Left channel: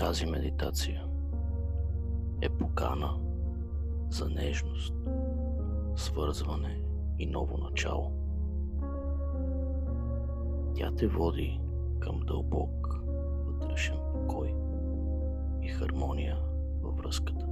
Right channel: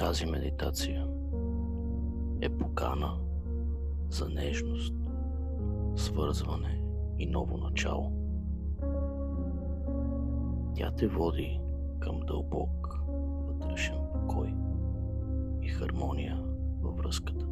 Тази медитация е покана за нежност, свързване и ново начало. Тя те води към дълбок вътрешен покой и хармония във връзката.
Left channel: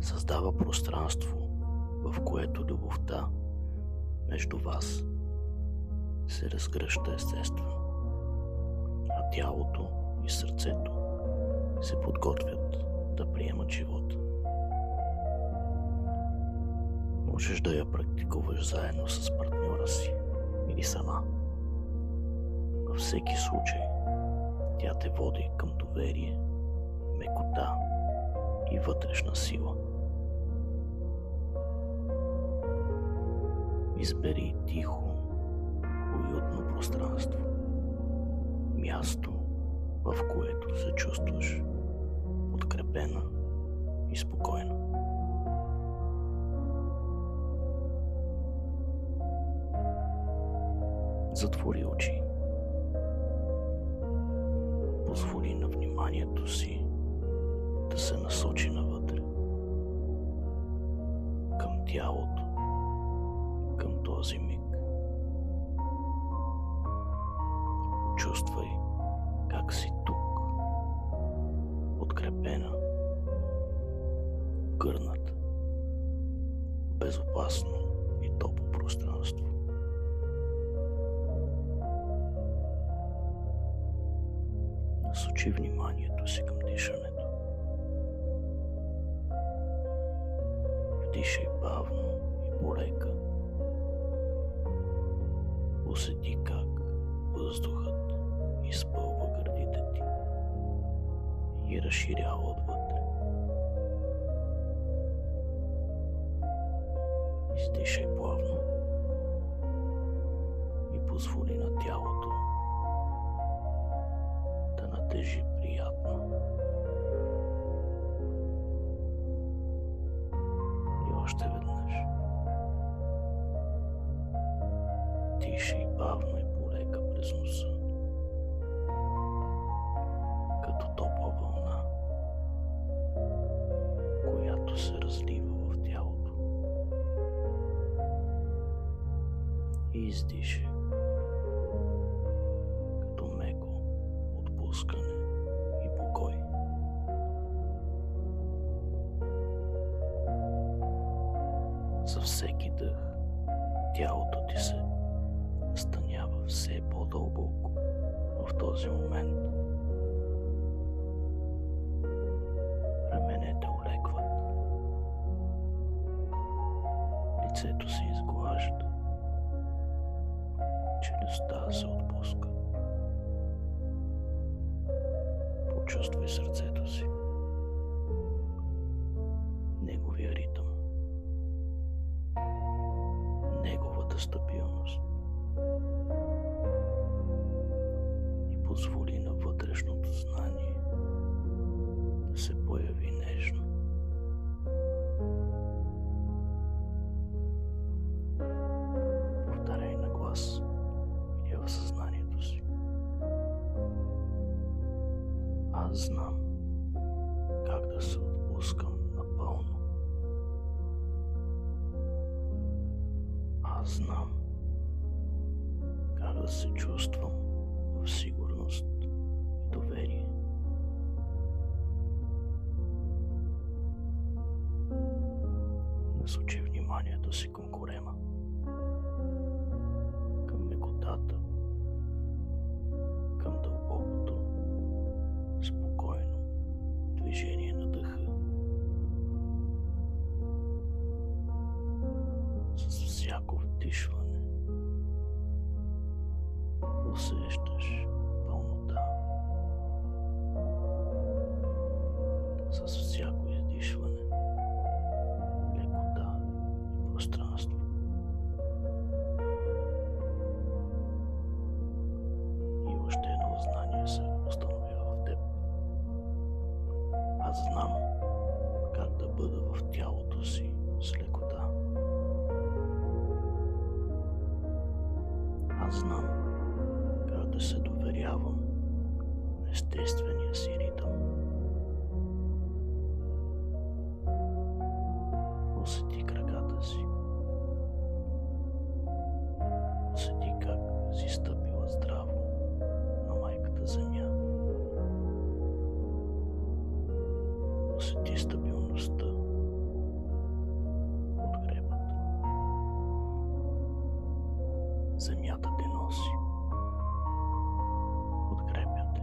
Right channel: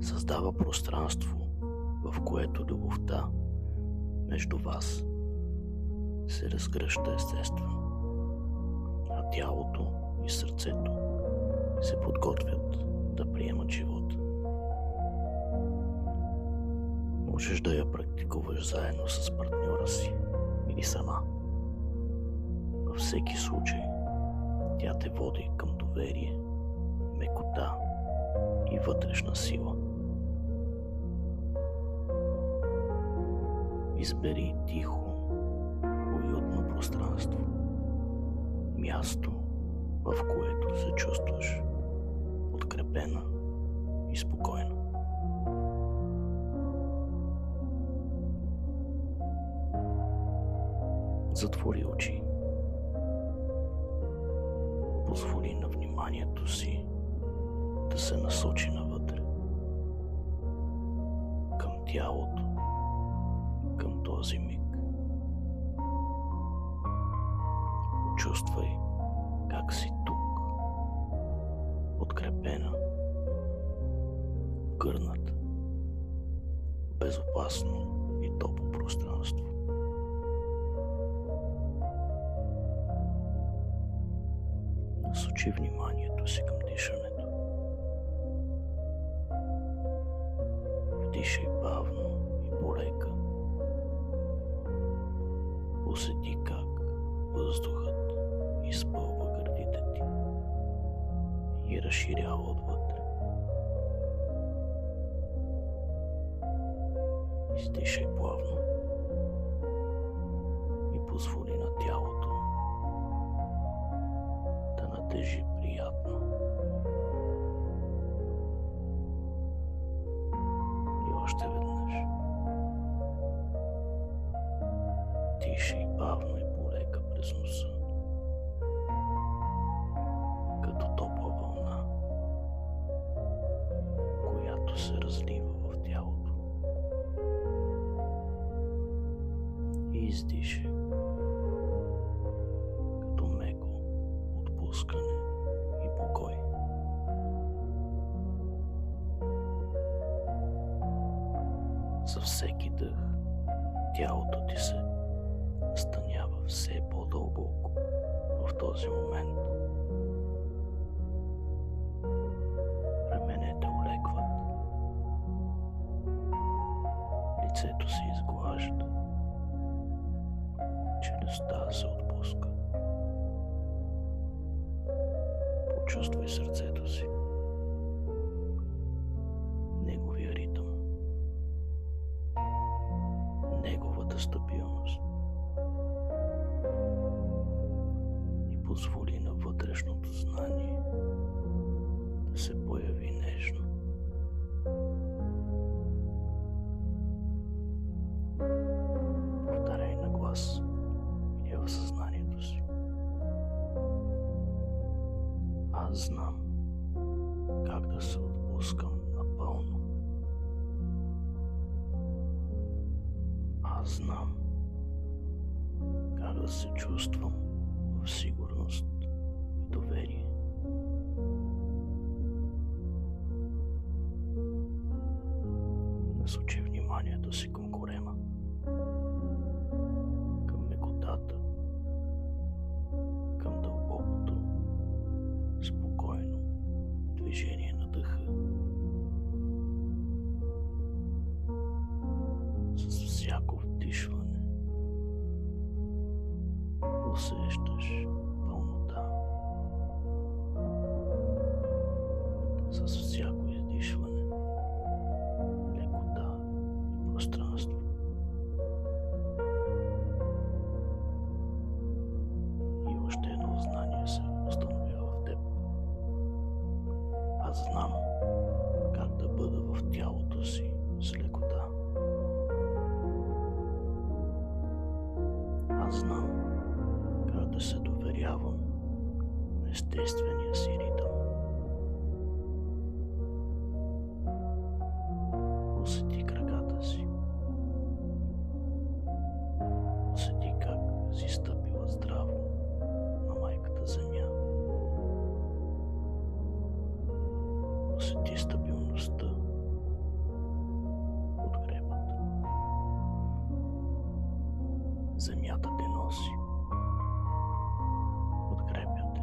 Създава пространство, в което любовта между вас се разгръща естествено, а тялото и сърцето се подготвят да приемат живота. Можеш да я практикуваш заедно с партньора си или сама. Във всеки случай тя те води към доверие, мекота и вътрешна сила. Избери тихо, уютно пространство, място, в което се чувстваш подкрепена и спокойна. Затвори очи. Позволи на вниманието си да се насочи навътре, към тялото, към този миг. Почувствай как си тук, подкрепена, гърната, безопасно и топло пространство. Насочи вниманието си към дишането. Вдишай бавно и полека. Усети как въздухът изпълва гърдите ти и разширява отвътре. Издишай плавно и позволи на тялото да натежи приятно. И още веднъж. Дишай бавно и полека през носа, като топла вълна, която се разлива в тялото. И издишай, като меко отпускане и покой. За всеки дъх тялото ти се настанява все по-дълбоко в този момент. Раменете олекват, лицето се изглажда, челюстта се отпуска. Почувствай сърцето си, неговия ритъм, неговата стабилност. И позволи на вътрешното знание да се появи нежно. Повтаряй на глас или в съзнанието си. Аз знам как да се отпускам напълно. Аз знам как да се чувствам в сигурност и доверие. Насочи вниманието си към корема, към мекотата, към дълбокото, спокойно движение на дъха. С всяко вдишване усещаш пълнота. С всяко издишване лекота и пространство. И още едно знание се установява в теб. Аз знам как да бъда в тялото си с лекота. Аз знам как да се доверявам естествения си ритъм. Усети краката си. Усети как си стъпила здраво на майката земя. Усети стабилността, подкрепата. Земята те носи. Подкрепя те.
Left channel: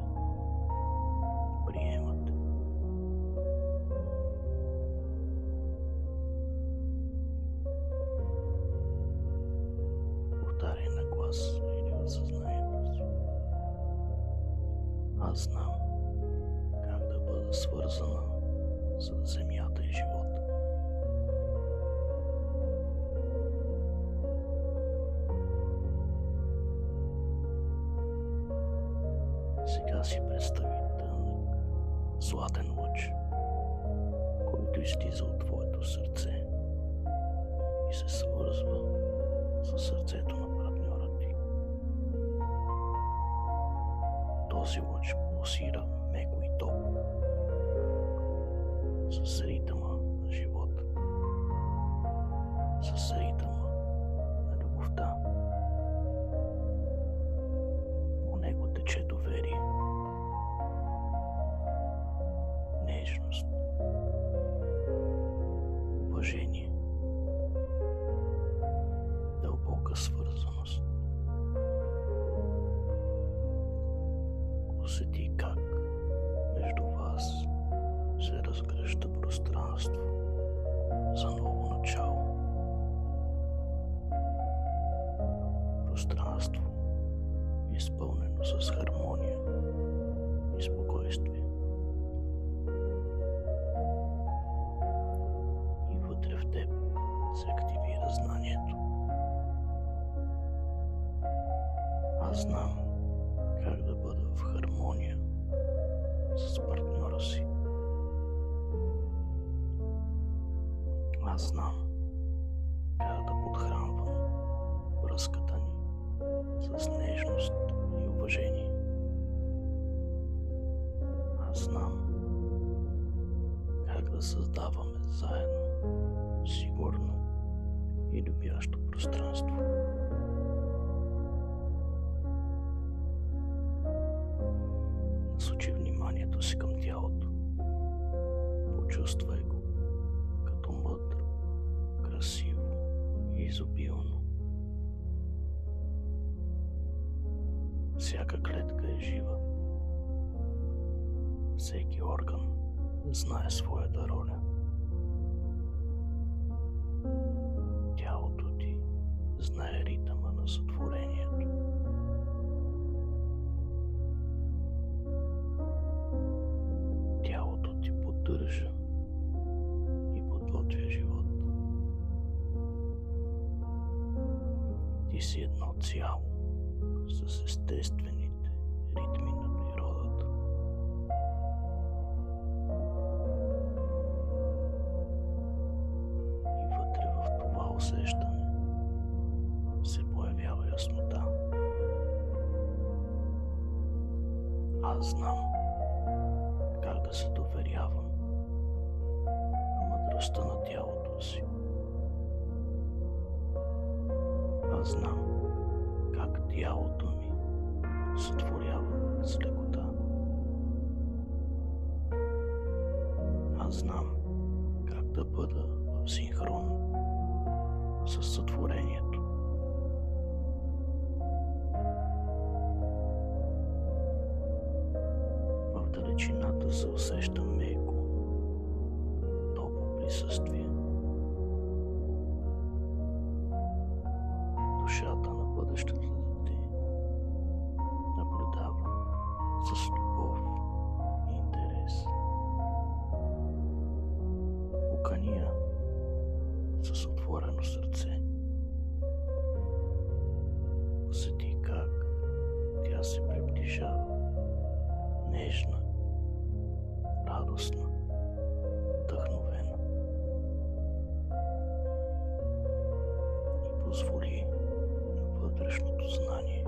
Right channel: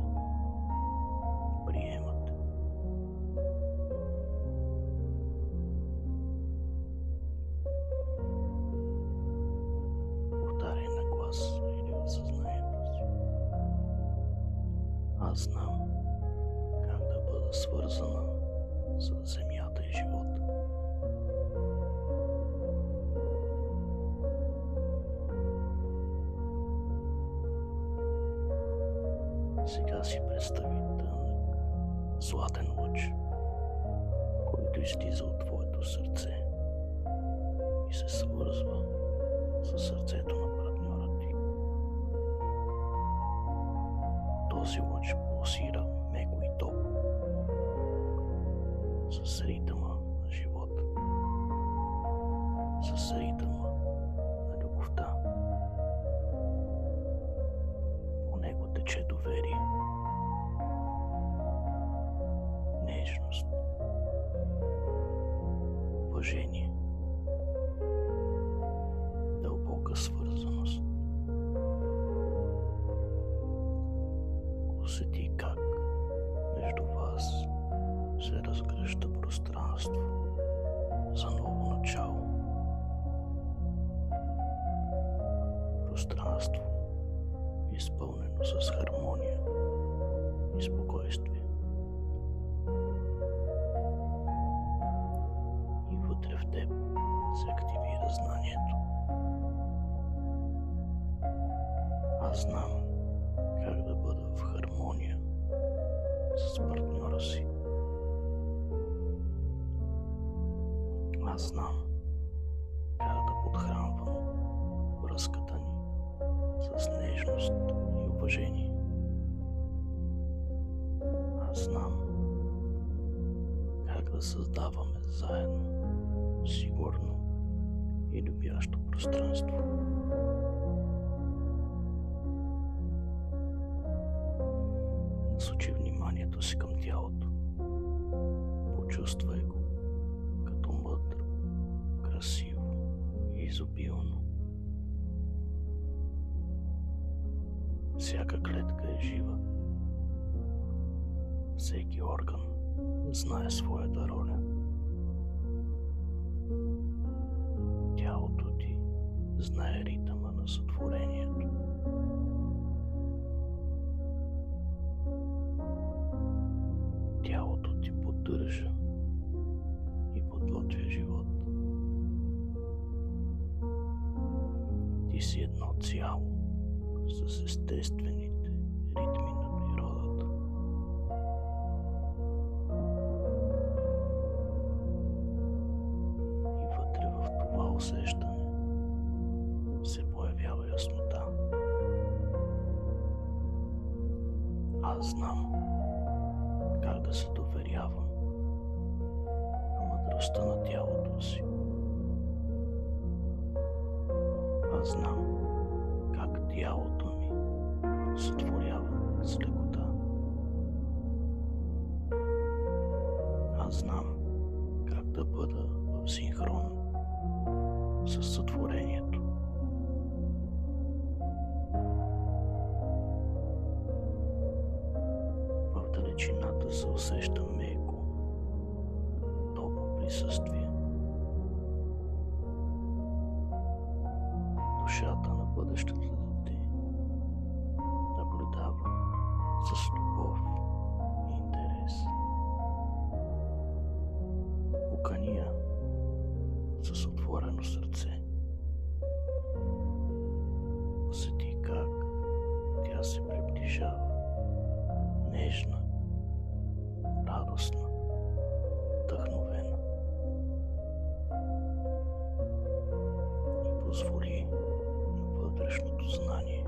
Приема те. Повтаряй на глас или в съзнанието си. Аз знам как да бъда свързана с земята и живота. Сега си представи тънък, златен лъч, който излиза от твоето сърце и се свързва със сърцето на партньора ти. Този лъч пулсира меко и топло, с ритъма на живота, с ритъма на любовта. По него тече доверие, нежност, уважение, дълбока свързаност. Усети как между вас се разгръща пространство за ново начало. Пространство, изпълнено с хармония и спокойствие. И вътре в теб се активира знанието. Аз знам как да бъда в хармония с партньора си. Аз знам как да подхранвам връзката ни с нежност и уважение. Аз знам как да създаваме заедно сигурно и любящо пространство. Насочи вниманието си към тялото. Почувствай го като мъдро, красиво и изобилно. Всяка клетка е жива. Всеки орган знае своята роля. Тялото ти знае ритъма на сътворението. Тялото ти поддържа и подготвя живот. Ти си едно цяло с естествените ритми на природата. И вътре в това усещане се появява яснота. Аз знам как да се доверявам на мъдростта на тялото си. Аз знам как тялото ми сътворява с лекота. Аз знам как да бъда в синхрон с сътворението. В далечината се усеща меко, топло присъствие. Душата на бъдещето дете наблюдава с любов и интерес. Покани я с отворено сърце. Усети как тя се приближава, нежна, радостна, вдъхновена. И позволи на вътрешното знание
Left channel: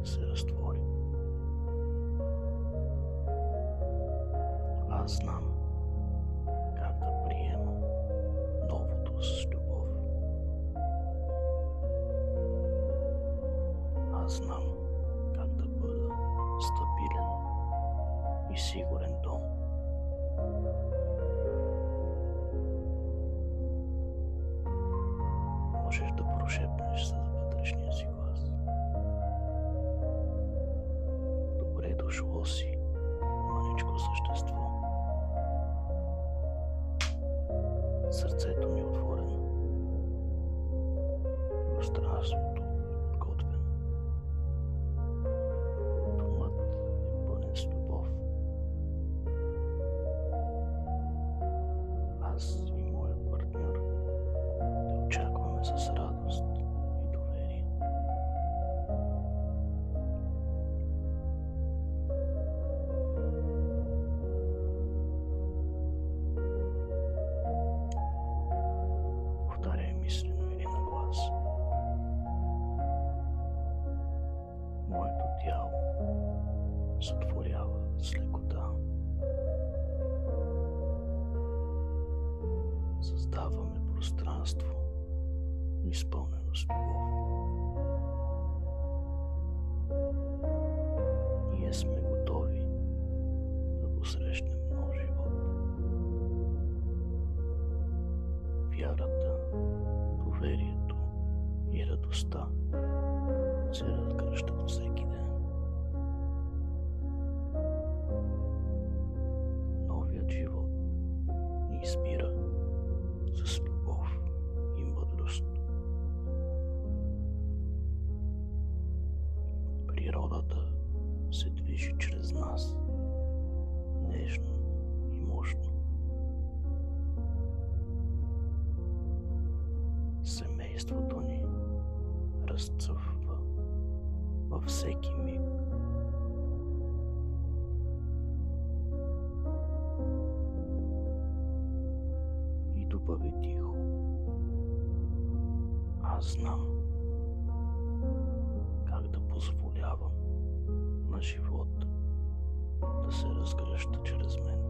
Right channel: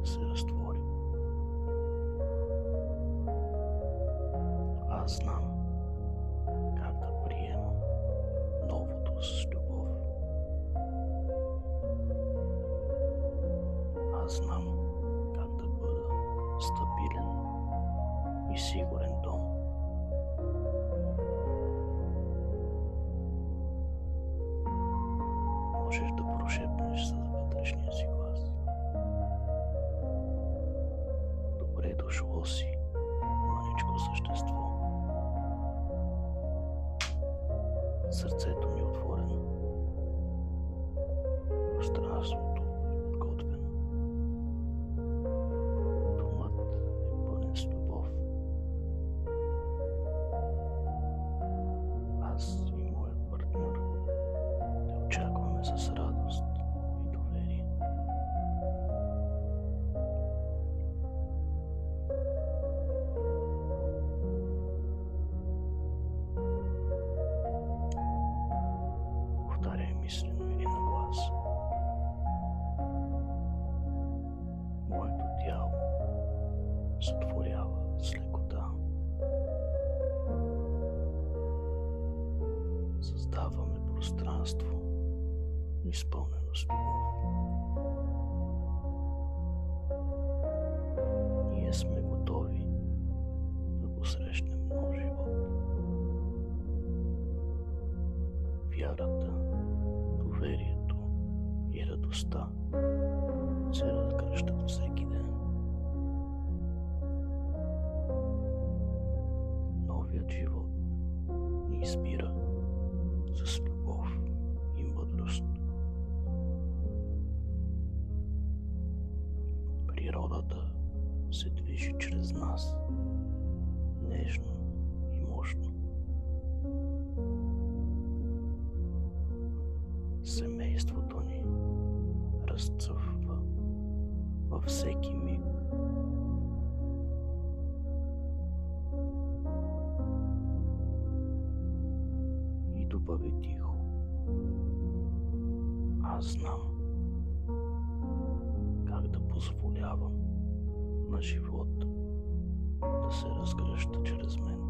да се разтвори. Аз знам как да приемам новото с любов. Аз знам как да бъда стабилен и сигурен дом. Можеш да прошепнеш с вътрешния си глас. Добре дошло си, мъничко същество. Сърцето ми е отворено. Пространството е подготвено. Домът е пълен с любов. Аз и моят партньор те очакваме с радост и доверие. Повтаряй мислено или на глас. Моето тяло сътворява с лекота. Създаваме пространство, изпълнено с любов. Ние сме готови да посрещнем нов живот. Вярата, доверието и радостта се разгръщат всеки ден. Новият живот ни избира с любов и мъдрост. Природата се движи чрез нас, нежно и мощно. Семейството ни разцъфва във всеки миг. И добави тихо: аз знам как да позволявам на живота да се разгръща чрез мен.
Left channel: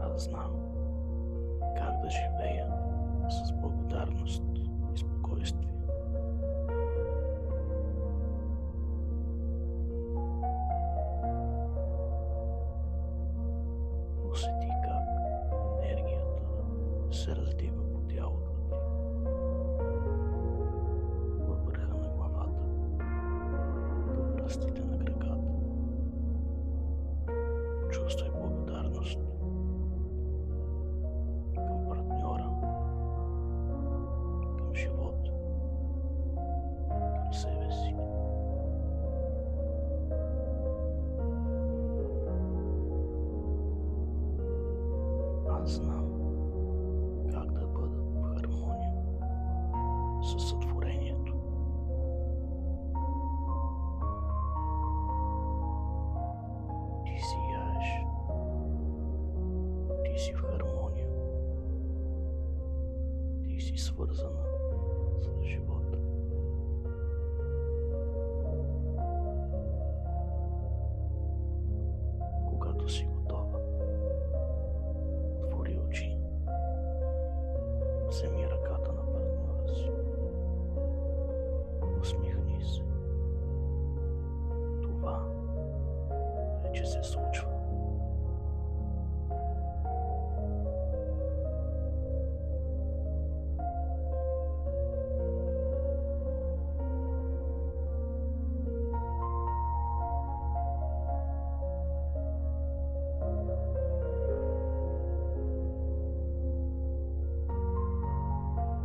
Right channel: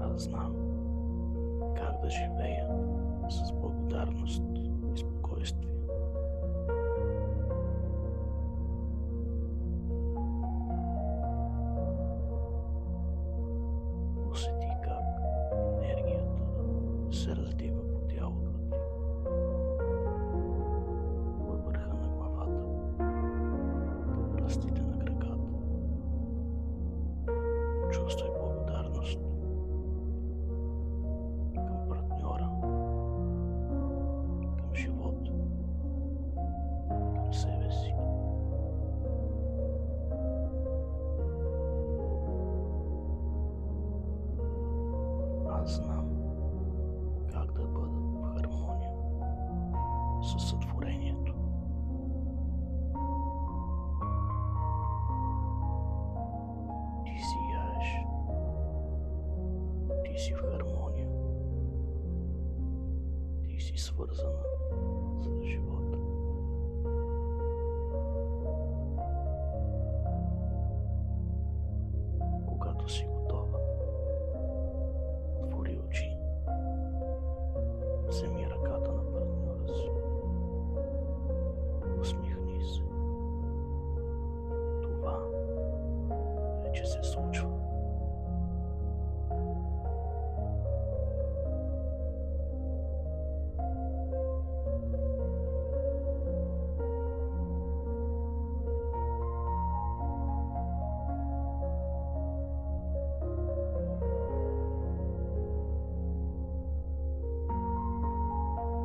Аз знам как да живея с благодарност и спокойствие. Усети как енергията се разлива по тялото ти, във върха на главата, до пръстите на краката. Чувствай благодарност към партньора, към живота, към себе си. Аз знам как да бъда в хармония със сътворението. Ти сияеш. Ти си в хармония. Ти си свързана с живота. Когато си готова, отвори очи. Вземи ръката на партньора си. Усмихни се. Това вече се случва.